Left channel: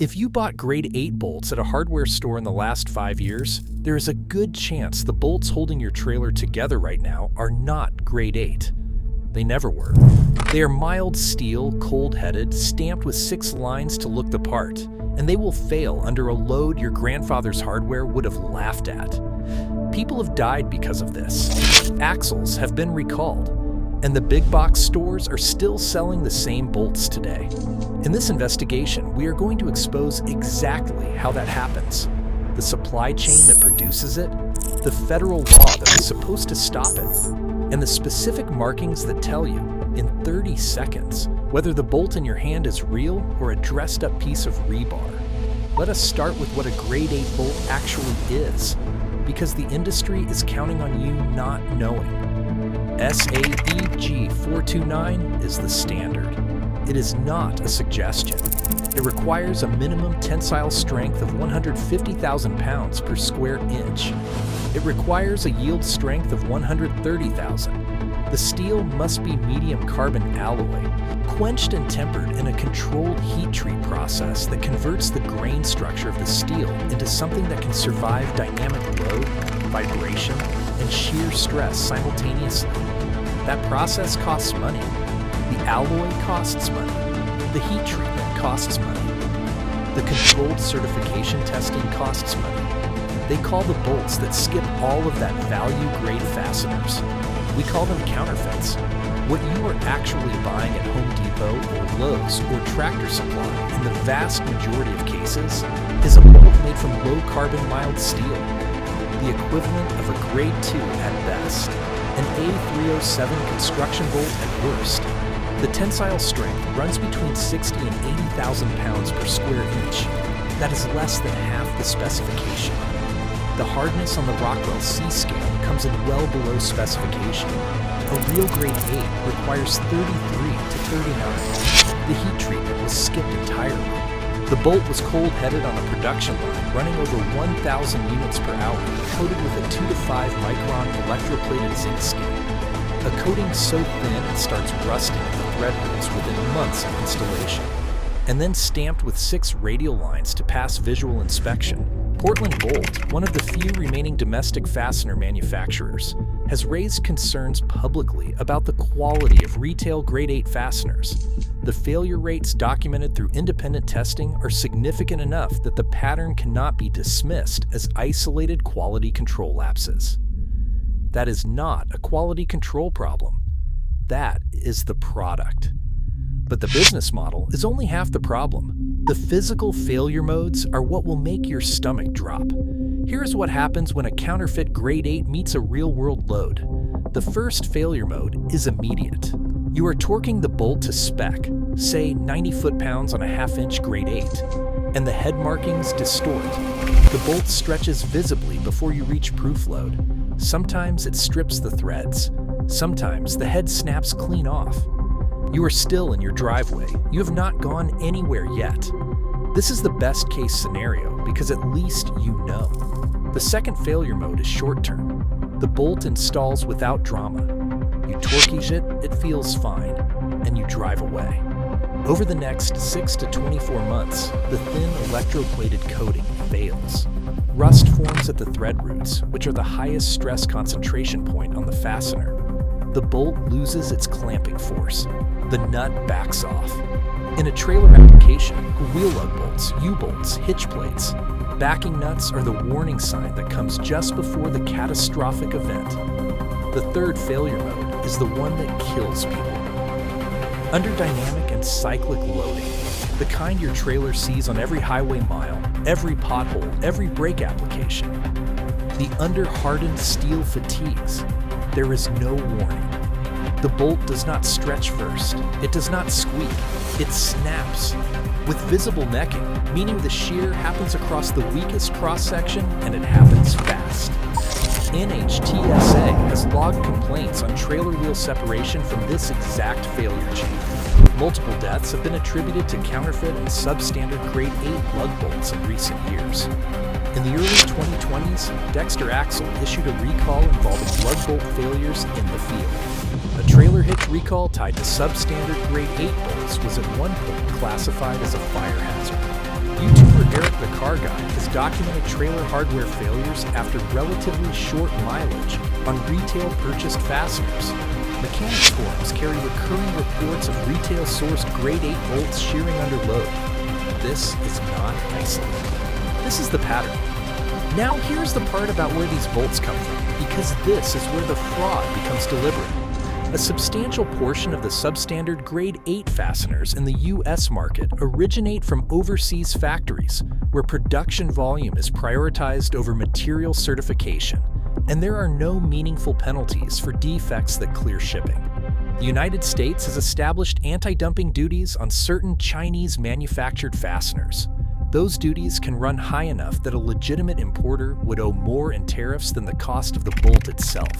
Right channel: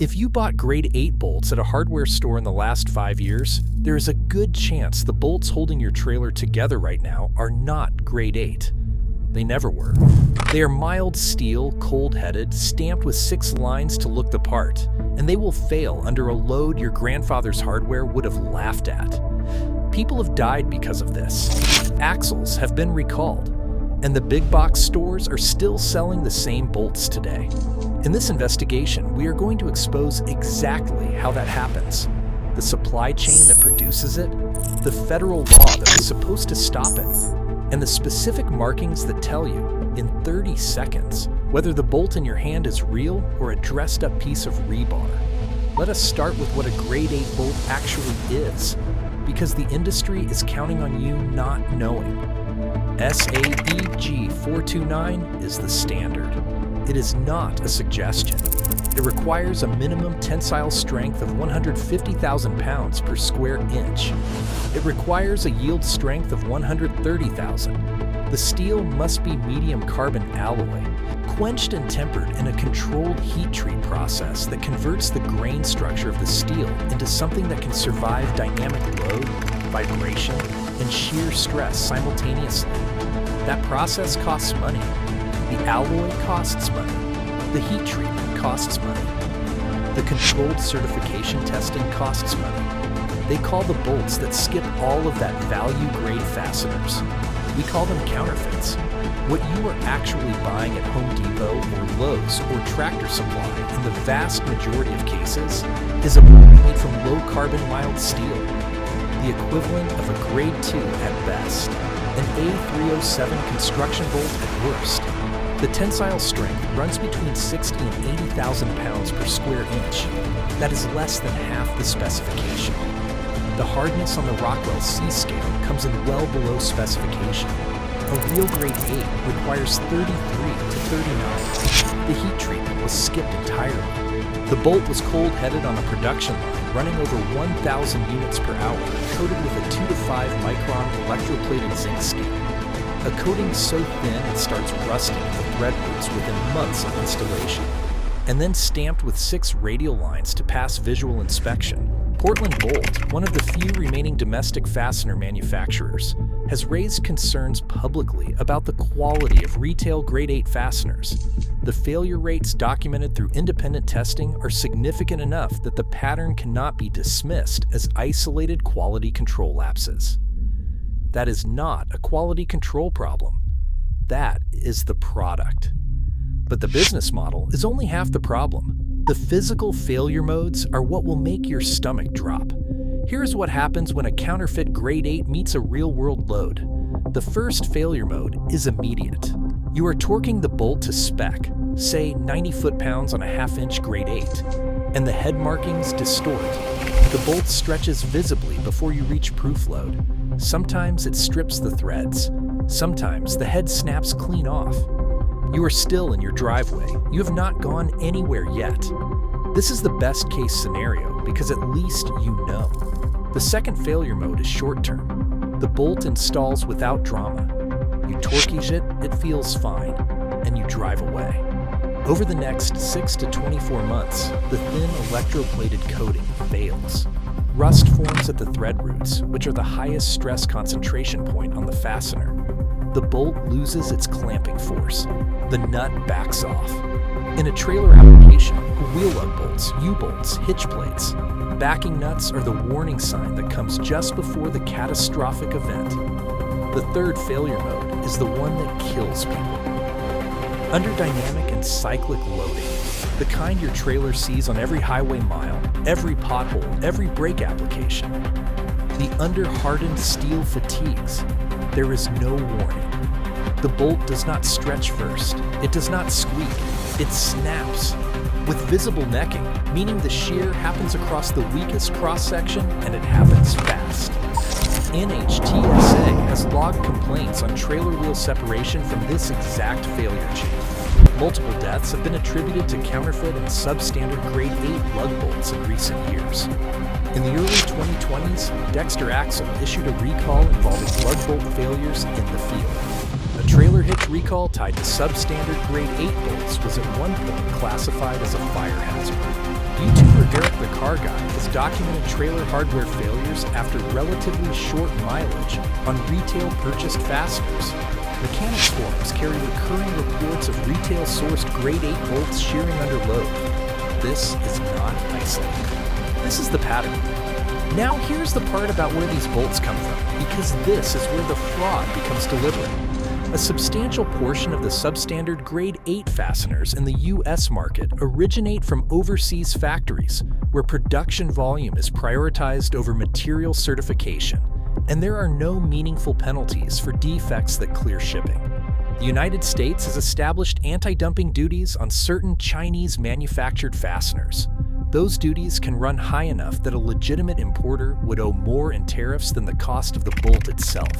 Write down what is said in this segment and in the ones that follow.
If you bought grade 8 bolts at a hardware store in the last 5 years, there is a good chance the bolts holding your trailer together right now are not grade 8. They never were. They are mild steel, cold-headed, stamped with 6 lines to look the part, and they will fail under a load your grandfather's hardware would have laughed at. People have died because of this. Axles have been recalled, and the big box stores are still selling the same bolts today. In this investigation, we are going to expose exactly how that happens, the supply chain that produces it, the federal law that was supposed to stop it, and the specific markings that tell you, in 30 seconds, whether the bolt in your hand is real or a dressed-up piece of rebar. Let us start with what a grade 8 bolt actually is, because the industry is counting on you not knowing. SAEG 429 is the standard. It is not a suggestion. It requires a minimum tensile strength of 150,000 pounds per square inch. It requires a yield strength of 130,000. The steel must be medium carbon alloy, quenched and tempered in a controlled heat treat process that converts the grain structure of the steel into something that can survive dynamic load, vibration, and shear stress simultaneously. That process costs money. The alloy costs money. The heat treatment costs money. The controlled certification testing costs money. They call the bolts that skip all of that value-grade fasteners. We call them counterfeits. What you are actually buying at Home Depot or Lowe's or Tractor Supply in the vast majority of cases is a bolt made from low-carbon mild steel, the equivalent of a grade 2 at best, an A307 construction bolt at worst. The tensile strength runs between 60 and 80,000 pounds per square inch. That is less than half the specification. The hardness on the Rockwell C scale comes in well below specification. A real grade 8 requires 33 to 39. The heat treatment was skipped entirely. The bolt was cold-headed on a production line running over 1,000 units per hour, coated with a 2 to 5 micron electroplated zinc skin. A coating so thin it starts rusting at the thread roots within months of installation. And then stamped with 6 radial lines to pass visual inspection. Portland Bolt, one of the few remaining domestic fastener manufacturers, has raised concerns publicly about the quality of retail grade 8 fasteners. The failure rates documented through independent testing are significant enough that the pattern cannot be dismissed as isolated quality control lapses. That is not a quality control problem. That is the product. But the business model is only half the problem. The physical failure modes are what will make your stomach drop. Here's what happens when a counterfeit grade 8 meets a real-world load. The first failure mode is immediate. You are torquing the bolt to spec, say 90 foot-pounds on a half-inch grade 8, and the head markings distort. The bolt stretches visibly before you reach proof load. Sometimes it strips the threads. Sometimes the head snaps clean off. You are still in your driveway. You have not gone anywhere yet. This is the best case scenario because at least you know. The second failure mode is short-term. The bolt installs without drama. You torqueage it, it feels fine, and you drive away. Over the next 6 to 24 months, the thin electroplated coating fails. Rust forms at the thread roots, which are the highest stress concentration point on the fastener. The bolt loses its clamping force. The nut backs off. In a trailer application, wheel lug bolts, U-bolts, hitch plates, backing nuts are the warning sign that comes just before the catastrophic event. The third failure mode is the one that kills people. Under dynamic and cyclic loading, the kind your trailer sees on every highway mile, every pothole, every brake application, the under-hardened steel fatigues, there is no warning. The bolt does not stretch first. It does not squeak. It snaps. With visible necking, meaning the shear happens across the weakest cross-section and it happens fast. NHTSA has logged complaints on trailer wheel separation from this exact failure chain. Multiple deaths have been attributed to counterfeit and substandard grade 8 lug bolts in recent years. In the early 2020s, Dexter Axle issued a recall involving lug bolt failures in the field. A trailer hitch recall tied to substandard grade 8 bolts was at one point classified as a fire hazard. the Car Guide has documented trailer hardware failures after relatively short mileage on retail purchased fasteners. Mechanics forums carry recurring reports of retail-sourced grade 8 bolts shearing under load. This is not isolated. This is the pattern. Now here's the part about where these bolts come from, because this is where the fraud becomes deliberate. A substantial portion of the substandard grade 8 fasteners in the US market originate from overseas factories, where production volume is prioritized over material certification, and there are no meaningful penalties for defects that clear shipping. The United States has established anti-dumping duties on certain Chinese-manufactured fasteners. Those duties can run high enough that a legitimate importer would owe more in tariffs than the cost of the bolt itself.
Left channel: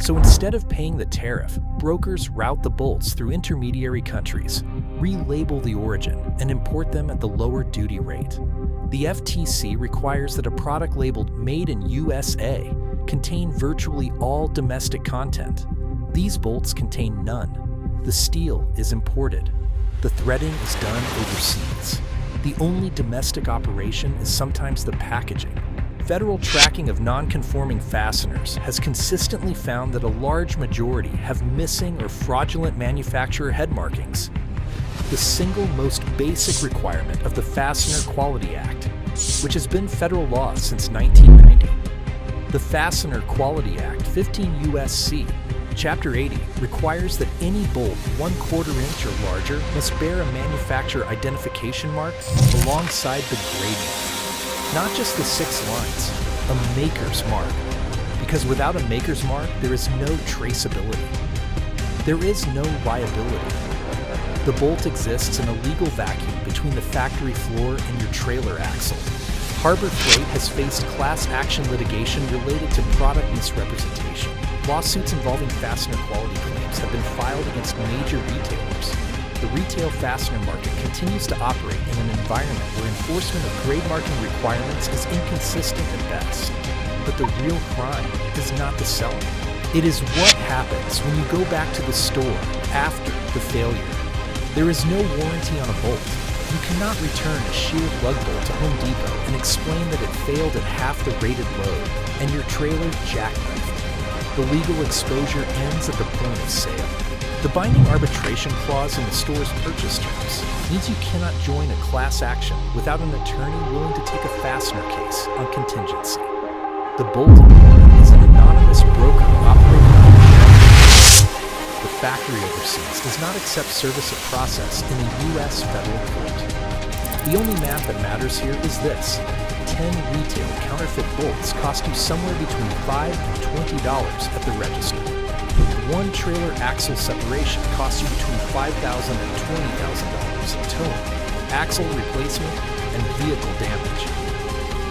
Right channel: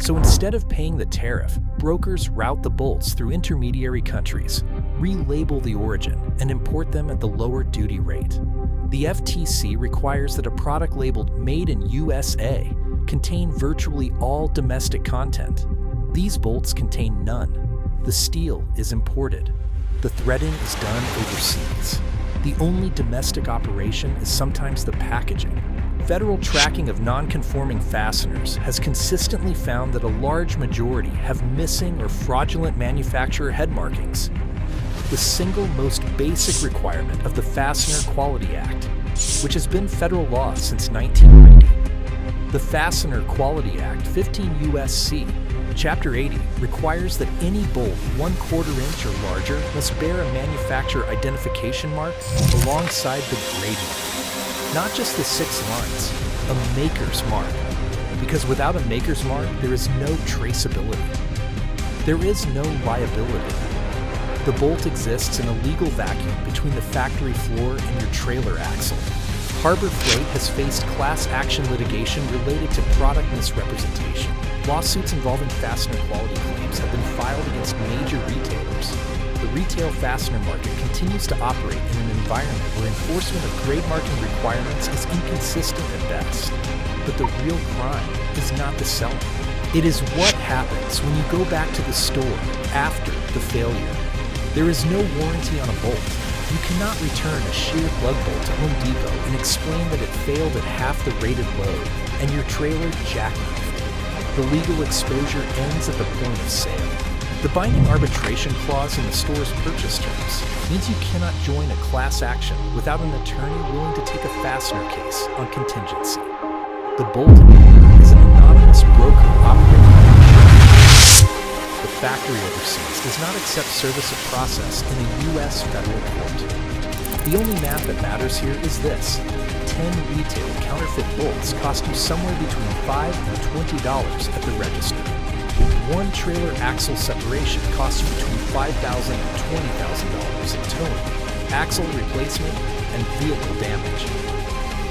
So instead of paying the tariff, brokers route the bolts through intermediary countries, relabel the origin, and import them at the lower duty rate. The FTC requires that a product labeled Made in USA contain virtually all domestic content. These bolts contain none. The steel is imported. The threading is done overseas. The only domestic operation is sometimes the packaging. Federal tracking of non-conforming fasteners has consistently found that a large majority have missing or fraudulent manufacturer head markings. The single most basic requirement of the Fastener Quality Act, which has been federal law since 1990. The Fastener Quality Act, 15 U.S.C. Chapter 80 requires that any bolt 1/4 inch or larger must bear a manufacturer identification mark alongside the grade mark. Not just the 6 lines, a maker's mark. Because without a maker's mark, there is no traceability. There is no liability. The bolt exists in a legal vacuum between the factory floor and your trailer axle. Harbor Freight has faced class action litigation related to product misrepresentation. Lawsuits involving fastener quality claims have been filed against major retailers. The retail fastener market continues to operate in an environment where enforcement of grade marking requirements is inconsistent at best. But the real crime is not the selling. It is what happens when you go back to the store after the failure. There is no warranty on a bolt. You cannot return a sheared lug bolt to Home Depot and explain that it failed at half the rated load and your trailer jackknifed. The legal exposure ends at the point of sale. The binding arbitration clause in the store's purchase terms means you cannot join a class action without an attorney willing to take a fastener case on contingency. The bolt importer is an anonymous broker operating under the shelter. The factory overseas does not accept service of process in a U.S. federal court. The only math that matters here is this. 10 retail counterfeit bolts cost you somewhere between $5 and $20 at the register. One trailer axle separation costs you between $5,000 and $20,000 in towing, axle replacement, and vehicle damage.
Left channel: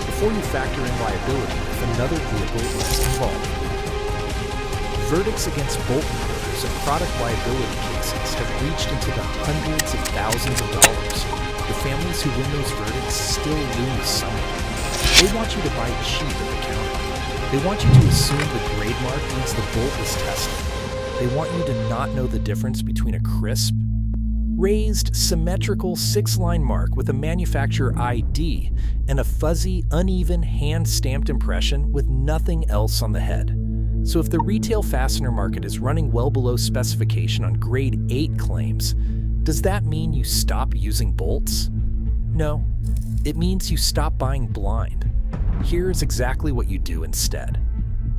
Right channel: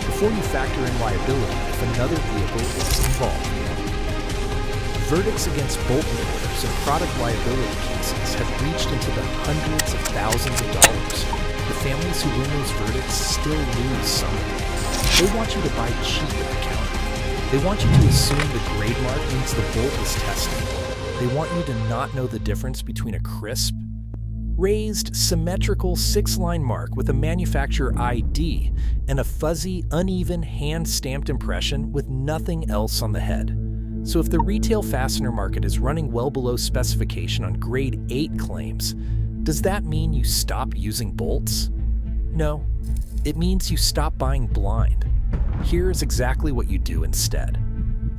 Before you factor in liability if another vehicle is involved. Verdicts against bolt importers and product liability cases have reached into the hundreds of thousands of dollars. The families who win those verdicts still lose somewhere. They want you to buy cheap at the counter. They want you to assume the grade mark means the bolt was tested. They want you to not know the difference between a crisp, raised, symmetrical 6-line mark with a manufacturer ID and a fuzzy, uneven, hand-stamped impression with nothing else on the head. So if the retail fastener market is running well below specification on grade 8 claims, does that mean you stop using bolts? No, it means you stop buying blind. Here is exactly what you do instead.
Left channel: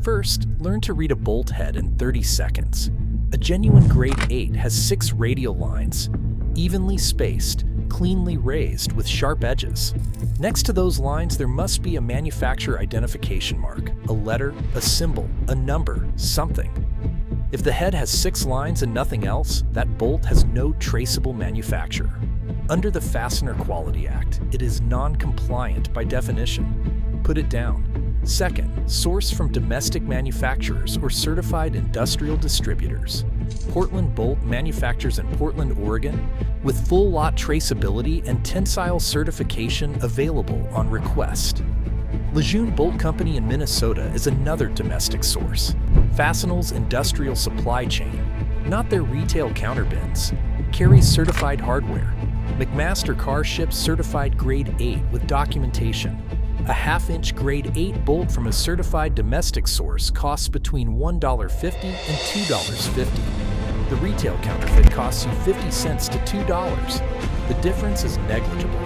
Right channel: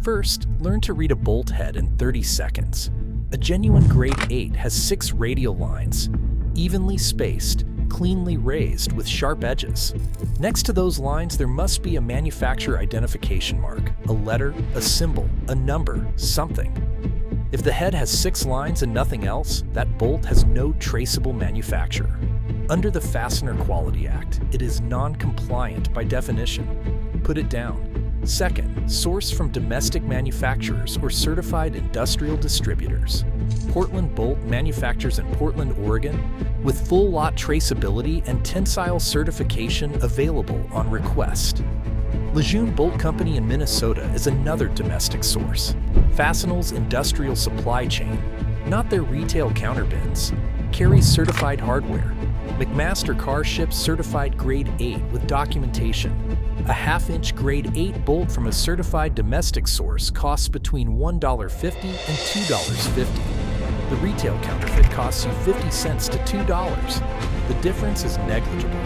First, learn to read a bolt head in 30 seconds. A genuine grade 8 has 6 radial lines, evenly spaced, cleanly raised with sharp edges. Next to those lines, there must be a manufacturer identification mark, a letter, a symbol, a number, something. If the head has 6 lines and nothing else, that bolt has no traceable manufacturer. Under the Fastener Quality Act, it is non-compliant by definition. Put it down. Second, source from domestic manufacturers or certified industrial distributors. Portland Bolt manufactures in Portland, Oregon, with full lot traceability and tensile certification available on request. Lejeune Bolt Company in Minnesota is another domestic source. Fastenal's industrial supply chain, not their retail counterbins, carries certified hardware. McMaster Car ships certified grade 8 with documentation. A half-inch grade 8 bolt from a certified domestic source costs between $1.50 and $2.50. The retail counterfeit costs you 50 cents to $2. The difference is negligible.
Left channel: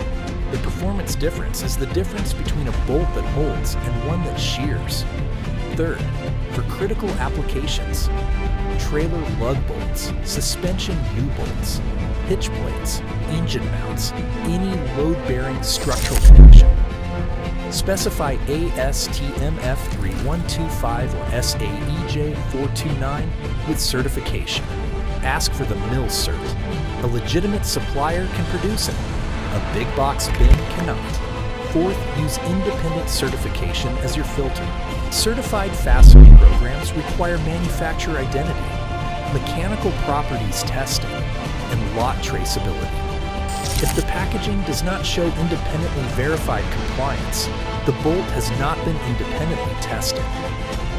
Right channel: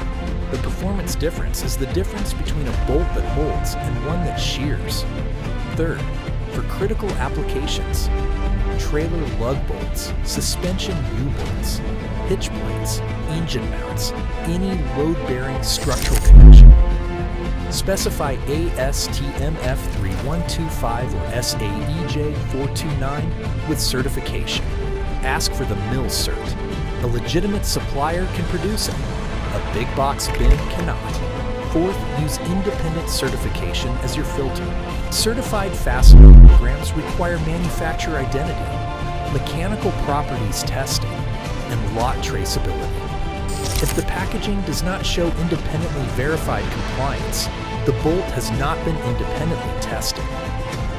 The performance difference is the difference between a bolt that holds and one that shears. Third, for critical applications, trailer lug bolts, suspension U-bolts, hitch plates, engine mounts, any load-bearing structural connection. Specify ASTM F3125 or SAEJ 429 with certification. Ask for the mill cert. A legitimate supplier can produce it. A big box bin cannot. Fourth, use independent certification as your filter. Certified fastener programs require manufacturer identity, mechanical properties testing, and lot traceability. If the packaging does not show independently verified compliance, the bolt has not been independently tested.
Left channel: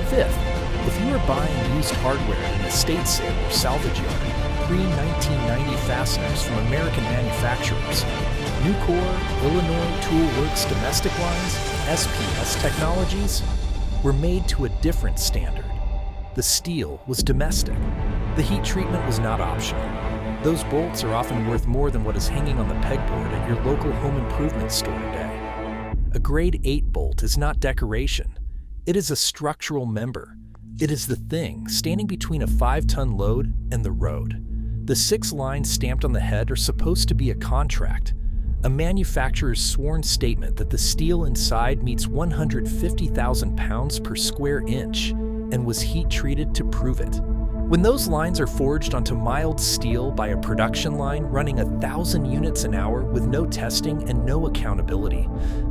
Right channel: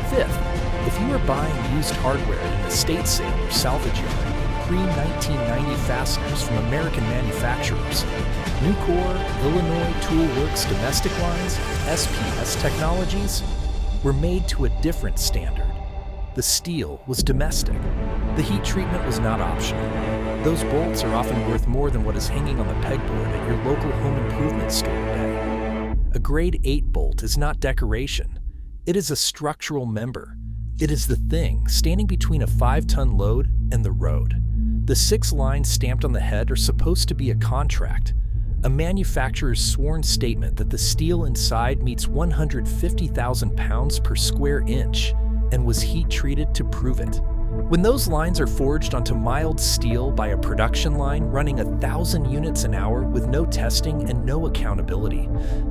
Fifth, if you are buying used hardware at an estate sale or salvage yard, pre-1990 fasteners from American manufacturers, Nucor, Illinois Tool Works domestic lines, SPS Technologies, were made to a different standard. The steel was domestic. The heat treatment was not optional. Those bolts are often worth more than what is hanging on the pegboard at your local home improvement store today. A grade 8 bolt is not decoration. It is a structural member. It is the thing standing between a 5-ton load and the road. The 6 lines stamped on the head are supposed to be a contract, a manufacturer's sworn statement that the steel inside meets 150,000 pounds per square inch and was heat treated to prove it. When those lines are forged onto mild steel by a production line running 1,000 units an hour with no testing and no accountability,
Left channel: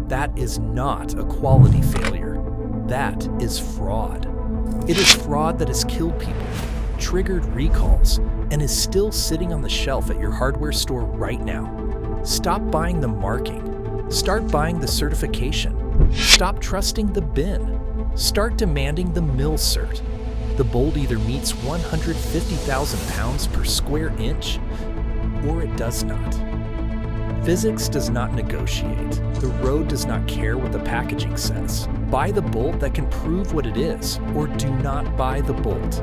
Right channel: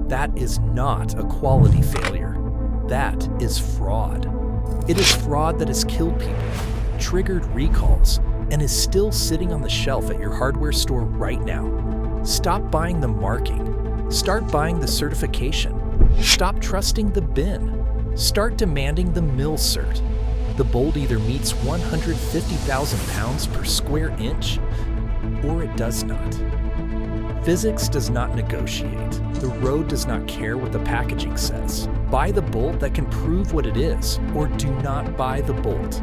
that is not a quality failure. That is fraud. It is fraud that has killed people, triggered recalls, and is still sitting on the shelf at your hardware store right now. Stop buying the marking. Start buying the certification. Stop trusting the bin. Start demanding the mill cert. The bolt either meets 150,000 pounds per square inch, or it does not. Physics does not negotiate. The road does not care what the packaging says. Buy the bolt that can prove what it is, or do not buy the bolt.